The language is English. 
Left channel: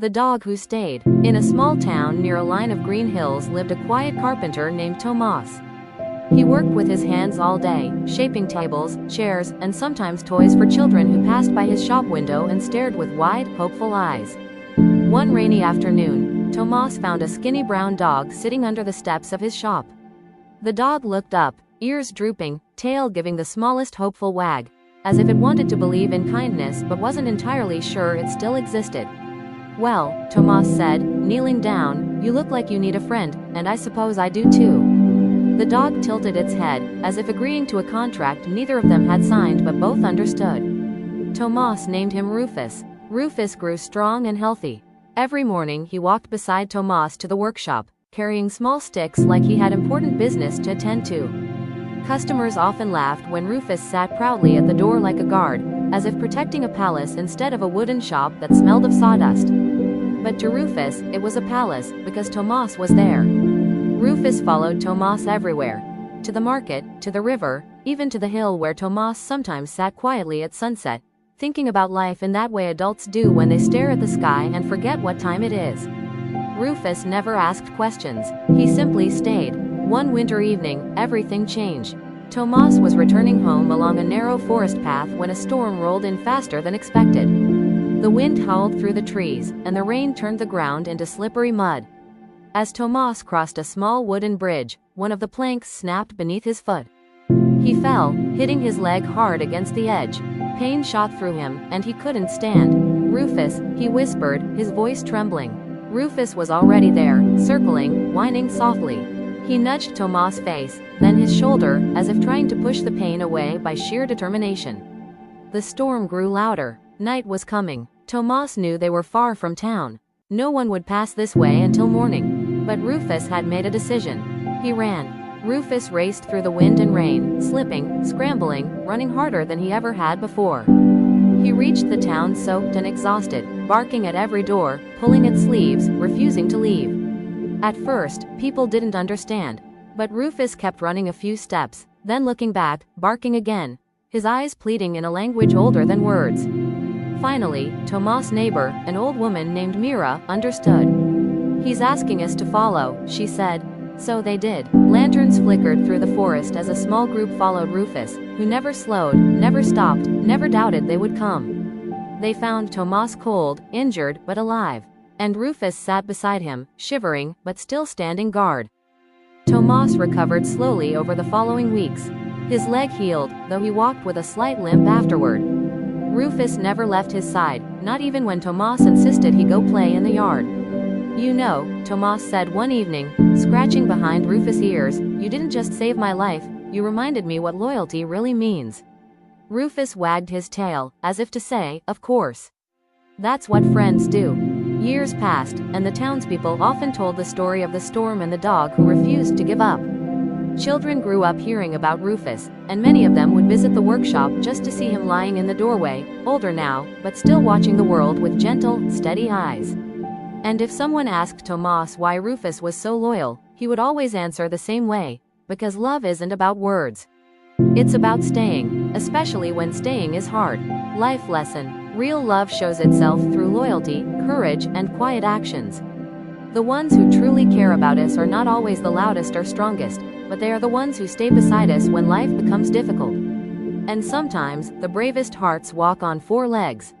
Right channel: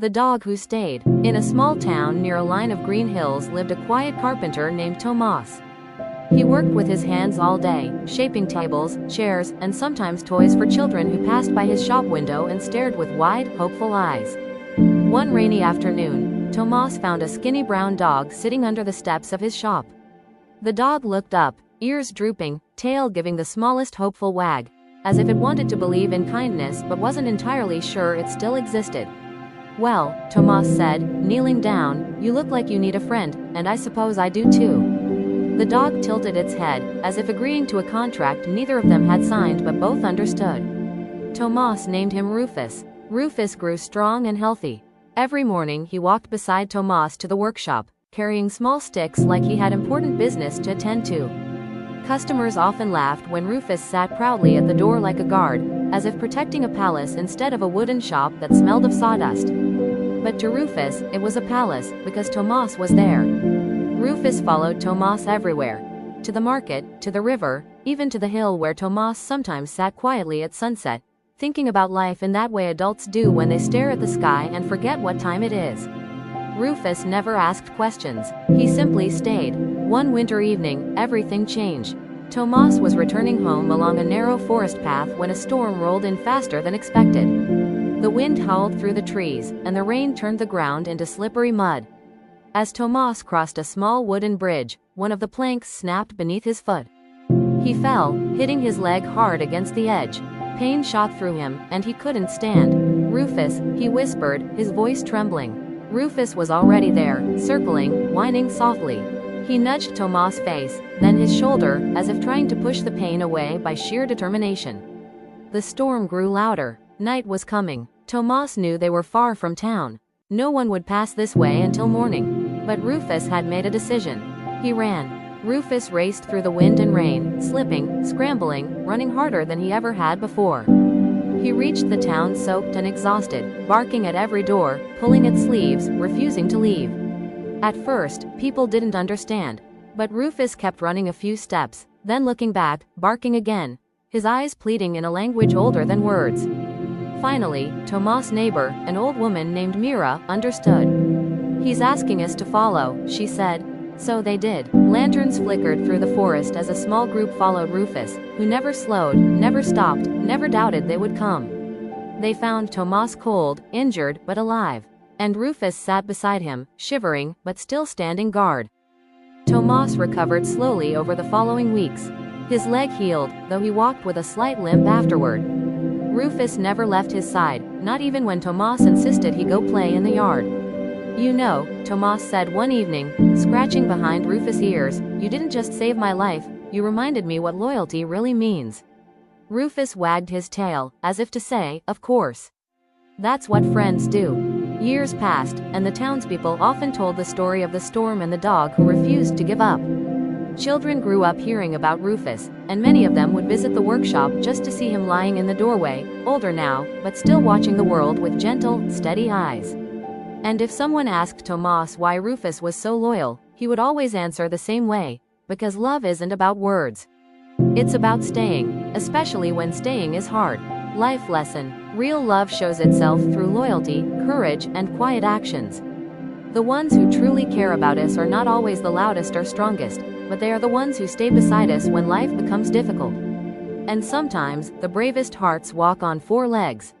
The Dog Who Stayed. In a small town near a line of green hills lived a quiet carpenter named Tomas. He worked with his hands all day, shaping tables, chairs, and sometimes toys for children who passed by his shop window and stared with wide, hopeful eyes. One rainy afternoon, Tomas found a skinny brown dog sitting under the steps of his shop. The dog looked up, ears drooping, tail giving the smallest hopeful wag, as if it wanted to believe in kindness but wasn't entirely sure it still existed. "Well," Tomas said, kneeling down, "you look like you need a friend, and I suppose I do too." The dog tilted its head, as if agreeing to a contract neither of them had signed but both understood. Tomas named him Rufus. Rufus grew strong and healthy. Every morning he walked beside Tomas to the workshop, carrying small sticks like he had important business to attend to. Customers often laughed when Rufus sat proudly at the door like a guard, as if protecting a palace instead of a wooden shop that smelled of sawdust. But to Rufus, it was a palace, because Tomas was there. Rufus followed Tomas everywhere. To the market, to the river, even to the hill where Tomas sometimes sat quietly at sunset, thinking about life in that way adults do when they stare at the sky and forget what time it is. Rufus never asked questions. He simply stayed. One winter evening, everything changed. Tomas was returning home along a narrow forest path when a storm rolled in faster than expected. The wind howled through the trees, and the rain turned the ground into slippery mud. As Tomas crossed a small wooden bridge, one of the planks snapped beneath his foot. He fell, hitting his leg hard against the edge. Pain shot through him, and he couldn't stand. "Rufus," he whispered, his voice trembling. Rufus was already there, circling, whining softly. He nudged Tomas' face, then his shoulder, as if trying to push the pain away by sheer determination. The storm grew louder. Night was coming. Tomas knew they were far from town. No one would pass this way until morning. But Rufus had made a decision. He ran. Rufus raced through the wind and rain, slipping, scrambling, running harder than he ever had before. He reached the town soaked and exhausted, barking at every door, pulling at sleeves, refusing to leave. At first, people didn't understand. But Rufus kept running a few steps, then looking back, barking again, his eyes pleading in a language older than words. Finally, Tomas' neighbor, an old woman named Mira, understood. "He's asking us to follow," she said. So they did. Lanterns flickered through the forest as a small group followed Rufus, who never slowed, never stopped, never doubted they would come. They found Tomas cold, injured, but alive. And Rufus sat beside him, shivering, but still standing guard. Tomas recovered slowly over the following weeks. His leg healed, though he walked with a slight limp afterward. Rufus never left his side, not even when Tomas insisted he go play in the yard. "You know," Tomas said one evening, scratching behind Rufus' ears, "you didn't just save my life, you reminded me what loyalty really means." Rufus wagged his tail, as if to say, "Of course. That's what friends do." Years passed, and the townspeople often told the story of the storm and the dog who refused to give up. Children grew up hearing about Rufus, and many of them would visit the workshop just to see him lying in the doorway, older now, but still watching the world with gentle, steady eyes. And if someone asked Tomas why Rufus was so loyal, he would always answer the same way, because love isn't about words. It's about staying, especially when staying is hard. Life lesson: real love shows itself through loyalty, courage, and quiet actions. The ones who truly care about us are not always the loudest or strongest, but they are the ones who stay beside us when life becomes difficult. And sometimes, the bravest hearts walk on four legs.